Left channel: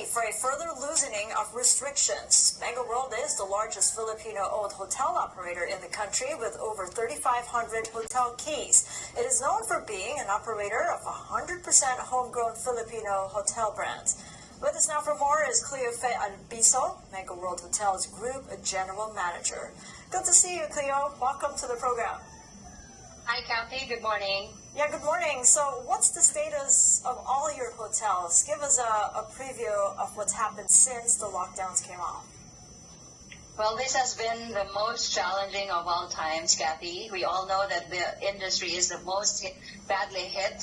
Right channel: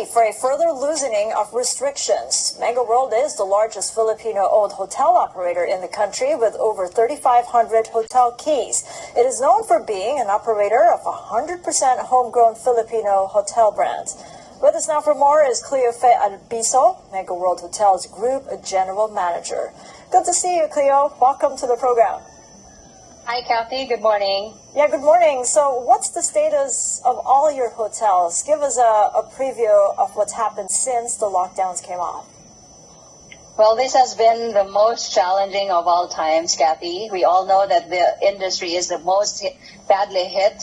ready for a further loosening of restrictions. Megaworld is the largest Filipino-owned hotel operator in the country with over 3,500 hotel keys. It is known for being an operator of 100% homegrown Filipino hotel brands. With us now for more is Cleofe Albiso, Megaworld Hotels Group General Manager. Good to see you, Cleo. Welcome to the program. Hi, Kathy. Good morning. Yeah, good morning. So what's the status of all your hotels? Give us a preview of what's happened since the lockdowns came off. Well, this has been the most challenging of all times, Kathy. We all know that the industry is the most badly hit.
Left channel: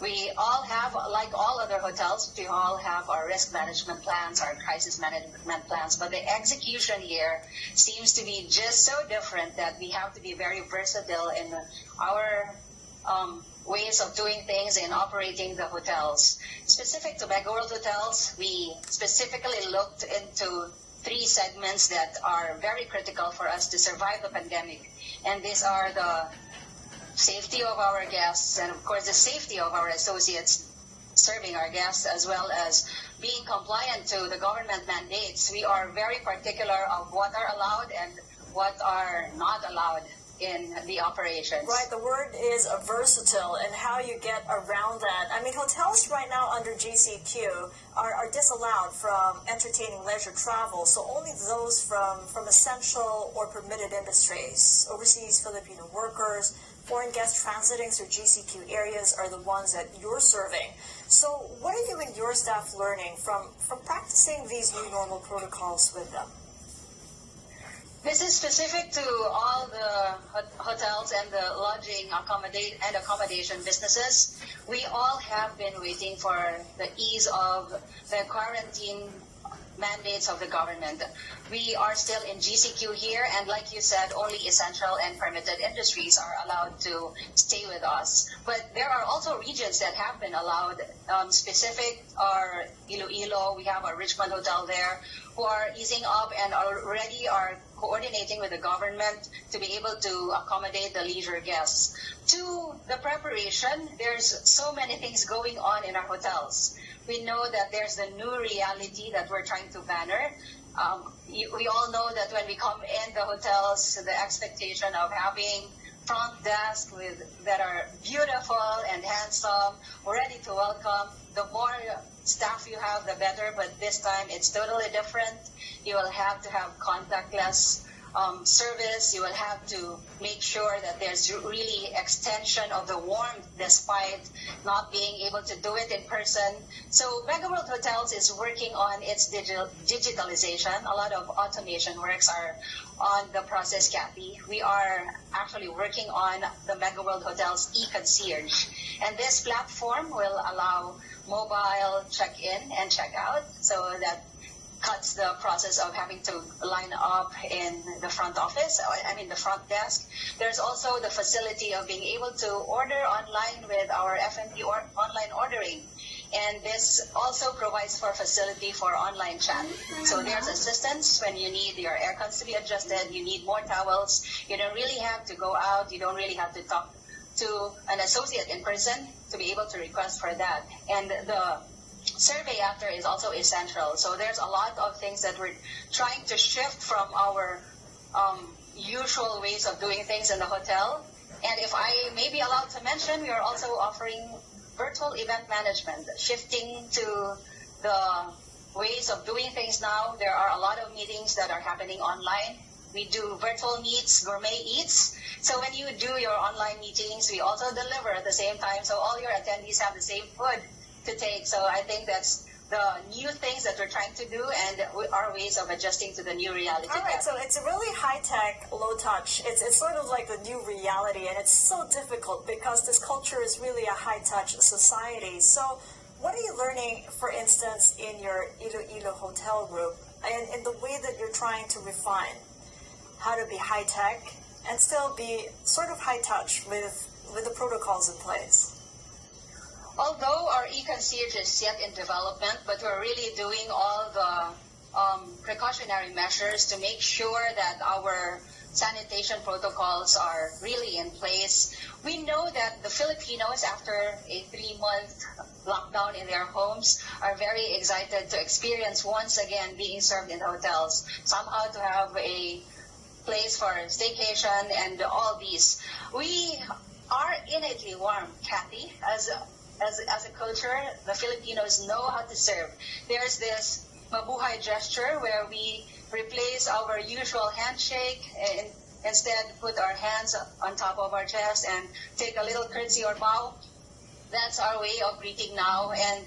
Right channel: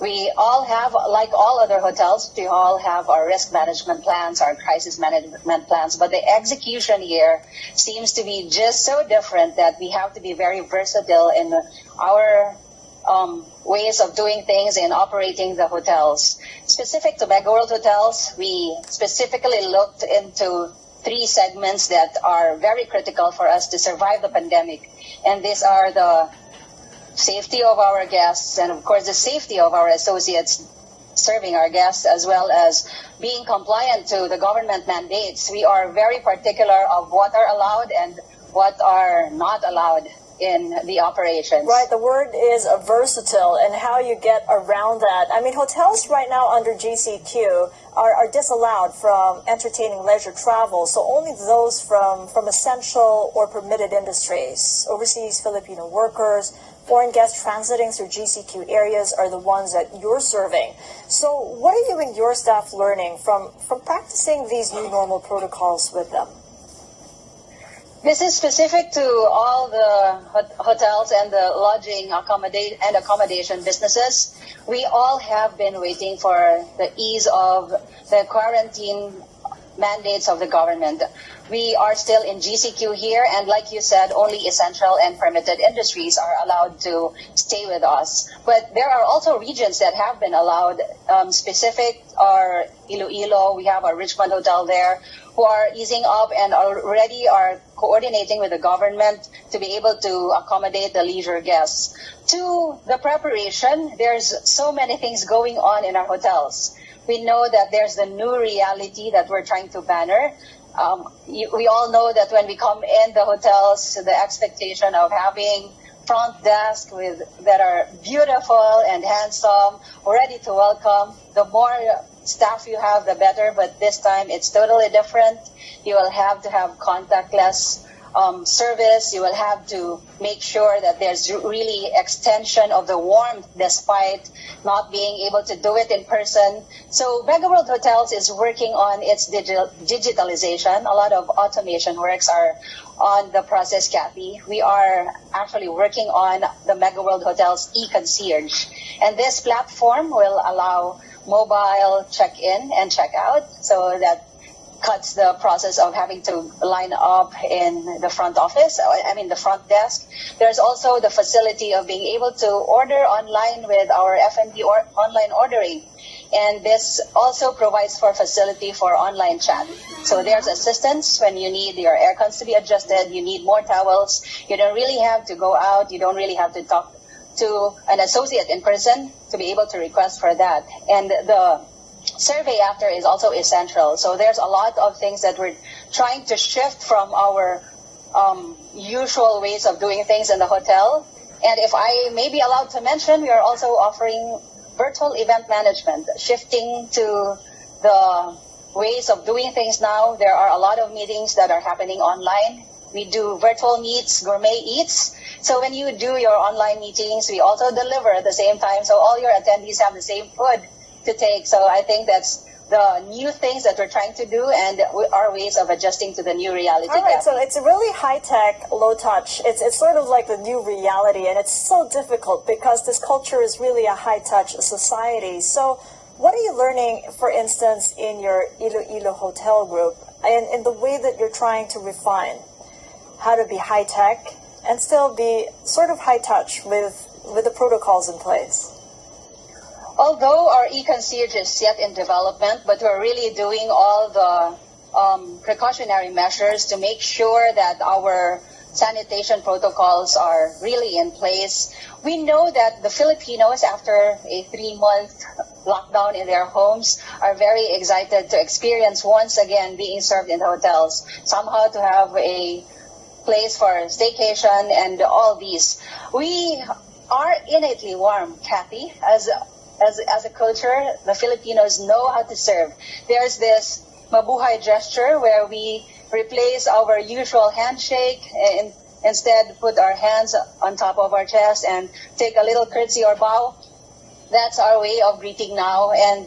We all have, like all other hotels, we all have our risk management plans, our crisis management plans, but the execution here seems to be just so different that we have to be very versatile in our ways of doing things and operating the hotels. Specific to Megaworld Hotels, we specifically looked into 3 segments that are very critical for us to survive the pandemic, and these are the safety of our guests and, of course, the safety of our associates serving our guests, as well as being compliant to the government mandates. We are very particular of what are allowed and what are not allowed in the operations. Right, the word is versatile, and how you get around that. I mean, hotels right now under GCQ are disallowed from entertaining leisure travel, so only those from essential or permitted industries. Overseas Filipino workers, foreign guests transiting through GCQ areas are the ones that you're serving. So what are you and your staff learning from practicing these new normal protocols with them? This is specific to all the hotels and the lodging accommodation businesses. We all have been waiting for the ease of the quarantine mandates of the government. We are still in GCQ here, and like you said, only essential and permitted industries are allowed to stay with us. But there are also regions that have been allowed. Specific are Iloilo. We have a Richmond hotel there who are easing up and already are coordinating with the government to be able to accommodate the leisure guests. To the preparation, there's so many things going on in our hotels. We know that there's the new reality that we're trying to banner. We all know that when we come in the hotels, the expectation of having front desk that are beautiful and handsome, ready to welcome. The more staff you have, the better, but this time it's totally different. You will have to have contactless service. You will have to make sure that there's really extension of the warmth despite not being able to do it in person. So Megaworld Hotels is working on its digitalization. A lot of automation works are on the process, Kathy. We are actually working on the Megaworld Hotels e-concierge. And this platform will allow mobile check-in and check-out, so that cuts the process of having to line up in the front office, the front desk. There's also the facility of being able to order online with our F&B or online ordering. And this also provides for facility for online chat. So there's assistance when you need your air cons to be adjusted, you need more towels. You don't really have to go out, you don't really have to talk to an associate in person to be able to request for that. And the survey after is also essential. So there's a lot of things that we're trying to shift from our usual ways of doing things in the hotel. And if I may be allowed to mention, we are also offering virtual event management, shifting to the ways of doing things now. There are a lot of meetings that are happening online. We do virtual meets, gourmet eats. So when you do your online meetings, we also deliver at the same time. So all your attendees have the same food to take. So I think that's the new things that we're trying to do and our ways of adjusting to the new reality. All right, so it's a really high-tech, low-touch. It's sort of like the new reality, and it's so difficult because this culture is really a high-touch society. So what are you learning, for instance, in your Iloilo hotel group and in the way that you're trying to refine how to be high-tech and still be sort of high-touch with the protocols in place? Although our e-concierge is yet in development, but we're really doing all the precautionary measures to make sure that our sanitation protocols are really in place. We know that the Filipinos, after a 3-month lockdown in their homes, are very excited to experience once again being served in the hotels, somehow to have a place for staycation and all these. We are innately warm, Kathy, as a culture. The Filipinos know how to serve. There's this mabuhay gesture where we replace our usual handshake and instead put our hands on top of our chest and take a little curtsy or bow. That's our way of greeting now. And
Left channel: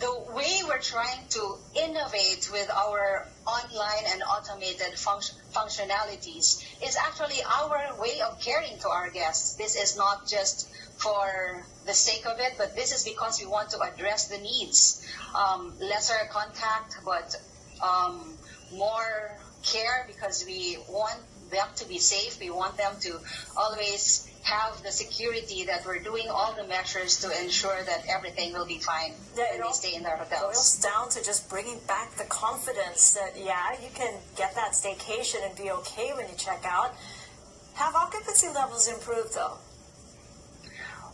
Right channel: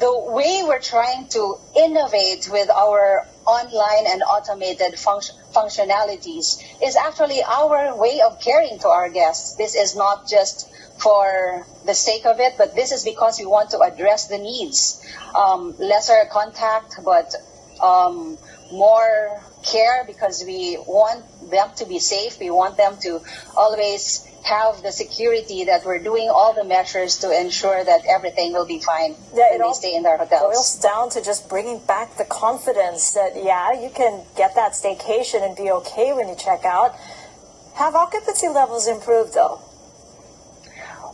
the way we're trying to innovate with our online and automated functionalities is actually our way of caring to our guests. This is not just for the sake of it, but this is because we want to address the needs. Lesser contact, but more care, because we want them to be safe. We want them to always have the security that we're doing all the measures to ensure that everything will be fine when they stay in their hotels. It boils down to just bringing back the confidence that, yeah, you can get that staycation and be okay when you check out. Have occupancy levels improved, though?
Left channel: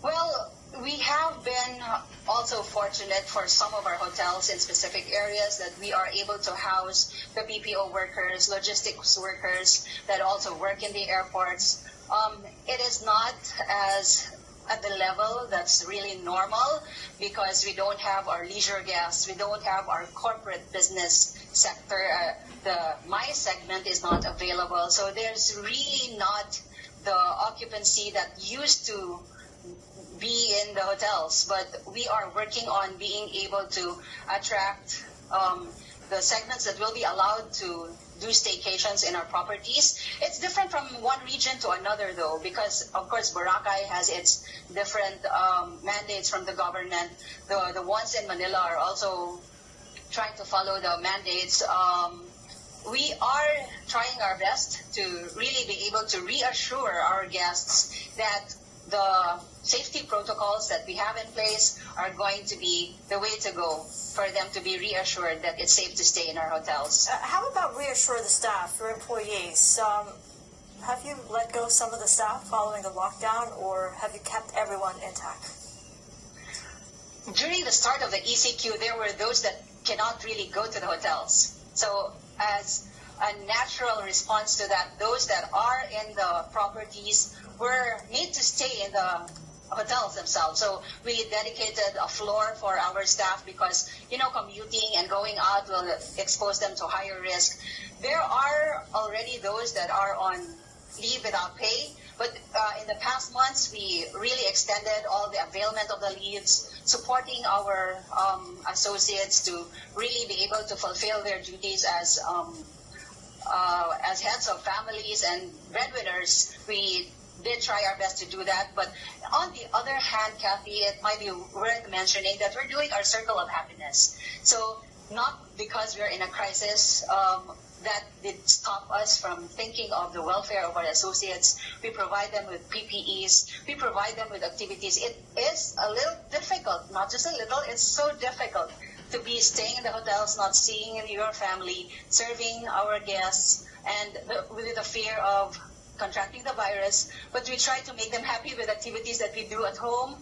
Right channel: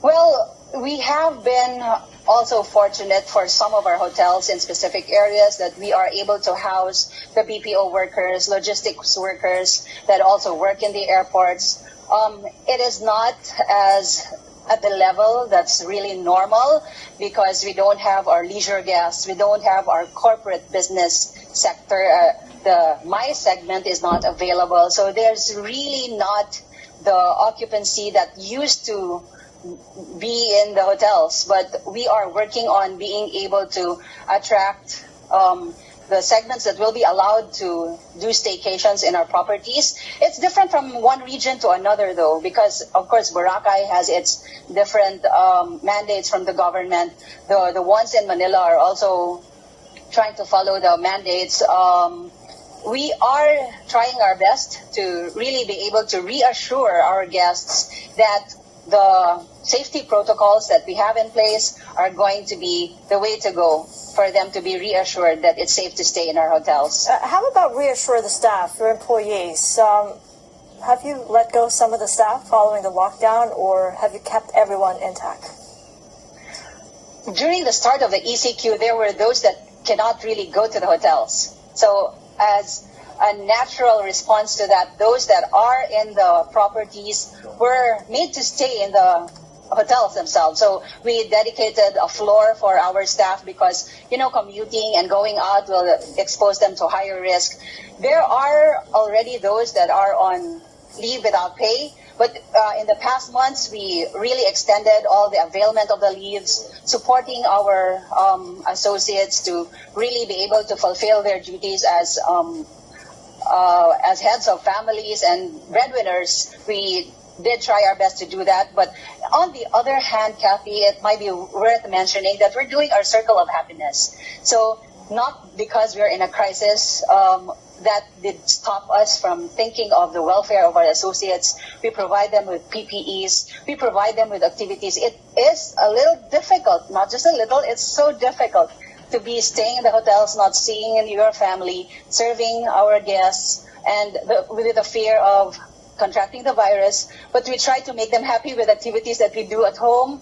Well, we have been also fortunate for some of our hotels in specific areas that we are able to house the BPO workers, logistics workers that also work in the airports. It is not as at the level that's really normal because we don't have our leisure guests, we don't have our corporate business sector. My segment is not available, so there's really not the occupancy that used to be in the hotels, but we are working on being able to attract the segments that will be allowed to do staycations in our properties. It's different from one region to another, though, because, of course, Boracay has its different mandates from the government. The ones in Manila are also trying to follow the mandates. We are trying our best to really be able to reassure our guests that the safety protocols that we have in place are going to be the way to go for them to be reassured that it's safe to stay in our hotels. How about reassure the staff, your employees? Have you let go some of the staff following the lockdown, or have you kept everyone intact? During the start of the ECQ, there were those that cannot really go to the hotels. So as a natural response to that, those that are in the properties were made to stay in the hotels themselves. So we dedicated a floor for our staff because, commuting and going out will expose them to higher risk. There are already those that are on leave without pay, but in the past months, we really extended all the availment of the leaves, supporting our associates to really be able to fulfill their duties as heads of families and breadwinners. We did try our best to do that, but on the other hand, Kathy, it might be worth mentioning that we're doing our circle of happiness. So not because we're in a crisis that did stop us from thinking of the welfare of our associates. We provide them with PPEs, we provide them with activities. It is a little difficult, not just a little, it's so difficult to be staying in the hotels, not seeing your family, serving our guests, and with the fear of contracting the virus, but we try to make them happy with activities that we do at home,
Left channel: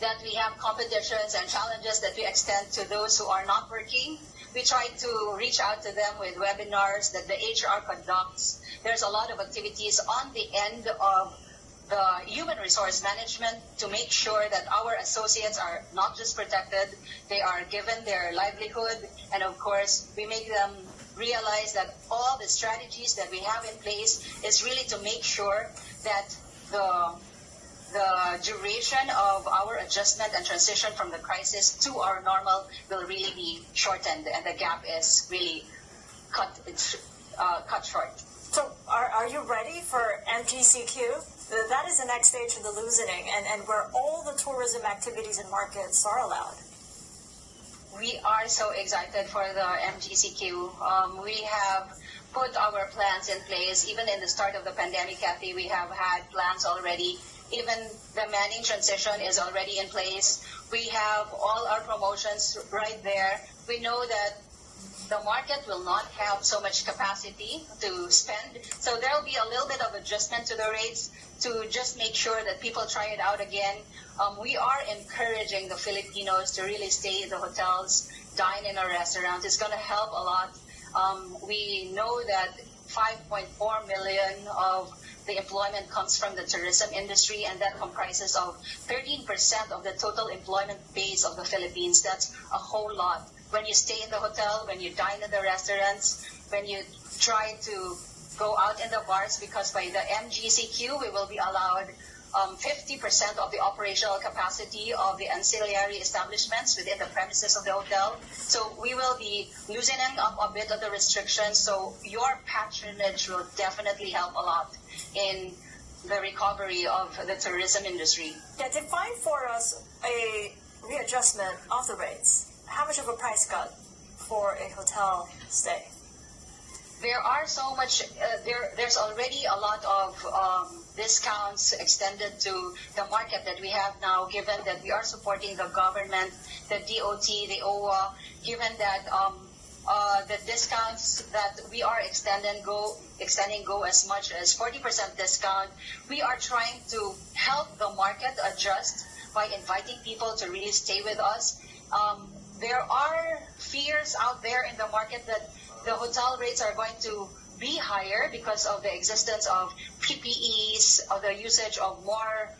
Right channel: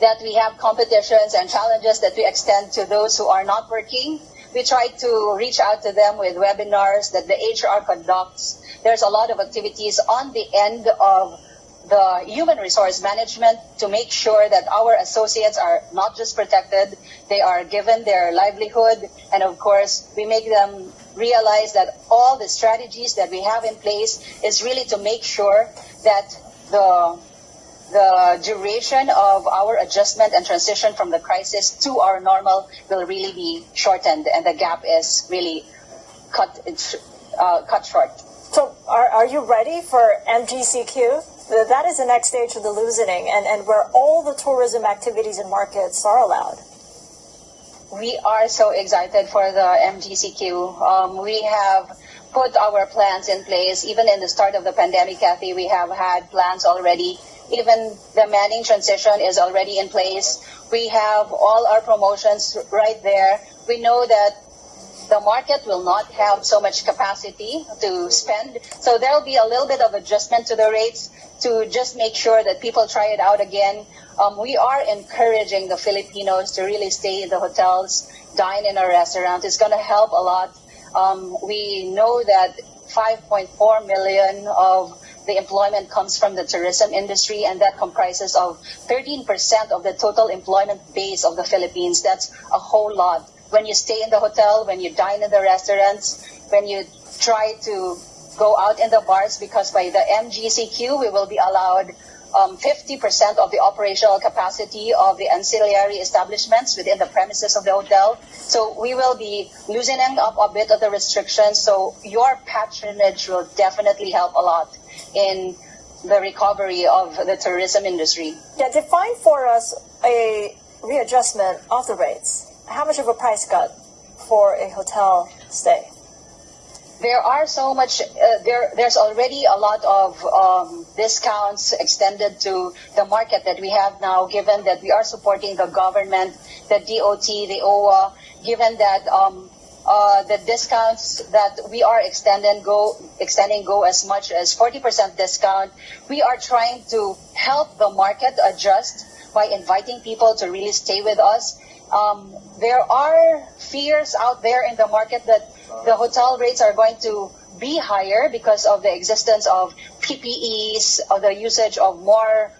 that we have competitions and challenges that we extend to those who are not working. We try to reach out to them with webinars that the HR conducts. There's a lot of activities on the end of the human resource management to make sure that our associates are not just protected, they are given their livelihood, and of course, we make them realize that all the strategies that we have in place is really to make sure that the duration of our adjustment and transition from the crisis to our normal will really be shortened, and the gap is really cut short. So are you ready for MGCQ? That is the next stage of the loosening, and where all the tourism activities and markets are allowed. We are so excited for the MGCQ. We have put our plans in place. Even in the start of the pandemic, Kathy, we have had plans already. Even the manning transition is already in place. We have all our promotions right there. We know that the market will not have so much capacity to spend. So there will be a little bit of adjustment to the rates to just make sure that people try it out again. We are encouraging the Filipinos to really stay in the hotels, dine in a restaurant. It's going to help a lot. We know that 5.4 million of the employment comes from the tourism industry, and that comprises of 13% of the total employment base of the Philippines. That's a whole lot. When you stay in the hotel, when you dine in the restaurants, when you try to go out in the bars, because by the MGCQ, we will be allowed 50% of the operational capacity of the ancillary establishments within the premises of the hotel. So we will be loosening up a bit of the restrictions. So your patronage will definitely help a lot in the recovery of the tourism industry. Yeah, define for us a readjustment of the rates. How much of a price cut for a hotel stay? There are so much, there's already a lot of discounts extended to the market that we have now, given that we are supporting the government, the DOT, the OWA, given that the discounts that we are extending go as much as 40% discount. We are trying to help the market adjust by inviting people to really stay with us. There are fears out there in the market that the hotel rates are going to be higher because of the existence of PPEs, of the usage of more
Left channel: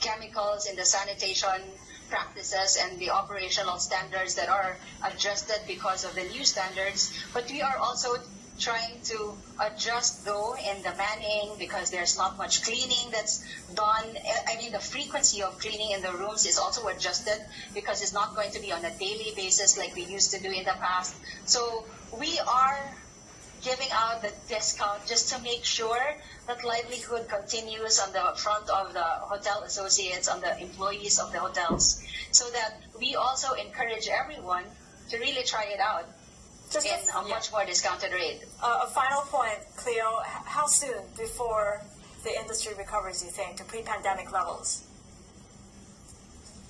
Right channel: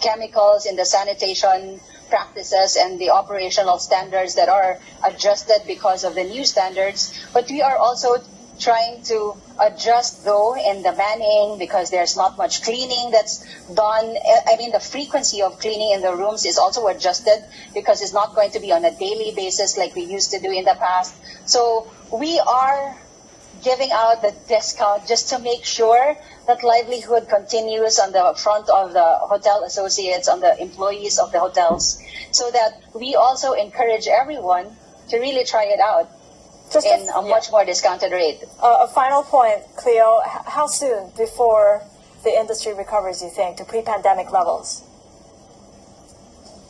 chemicals in the sanitation practices and the operational standards that are adjusted because of the new standards. But we are also trying to adjust, though, in the manning, because there's not much cleaning that's done. I mean, the frequency of cleaning in the rooms is also adjusted because it's not going to be on a daily basis like we used to do in the past. So we are giving out the discount just to make sure that livelihood continues on the front of the hotel associates, on the employees of the hotels, so that we also encourage everyone to really try it out in a much more discounted rate. A final point, Cleo, how soon before the industry recovers, you think, to pre-pandemic levels?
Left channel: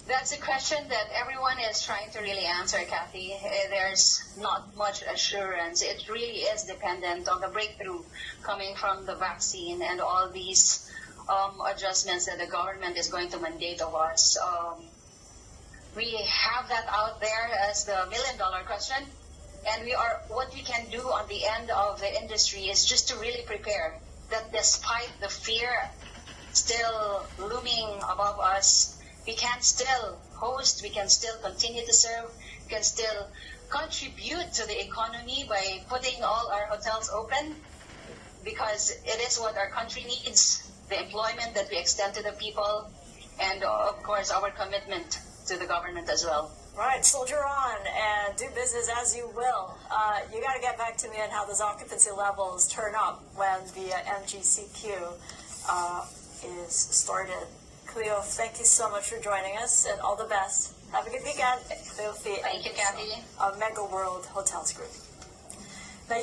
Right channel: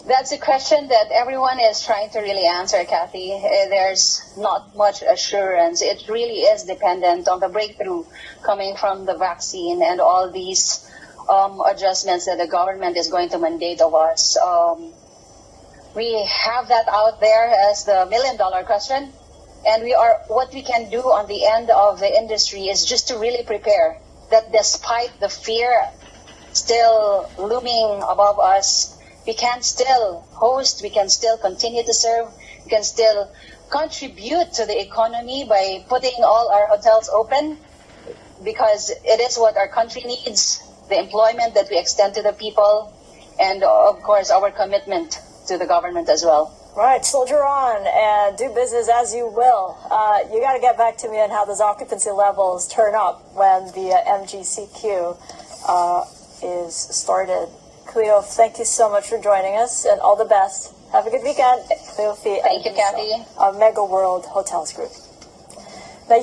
That's a question that everyone is trying to really answer, Kathy. There's not much assurance. It really is dependent on the breakthrough coming from the vaccine and all these adjustments that the government is going to mandate of us. We have that out there as the million-dollar question. And what we can do on the end of the industry is just to really prepare that despite the fear still looming above us, we can still host, we can still continue to serve, we can still contribute to the economy by putting all our hotels open, because it is what our country needs, the employment that we extend to the people, and of course our commitment to the government as well. Right, soldier on and do business as you will. You got to get back to me on how those occupancy levels turn up when the MGCQ is started. Cleo, thank you so much for joining us, and all the best. Have a good weekend. Cleofe, thank you, Kathy. Of Megaworld Hotels Group. Now,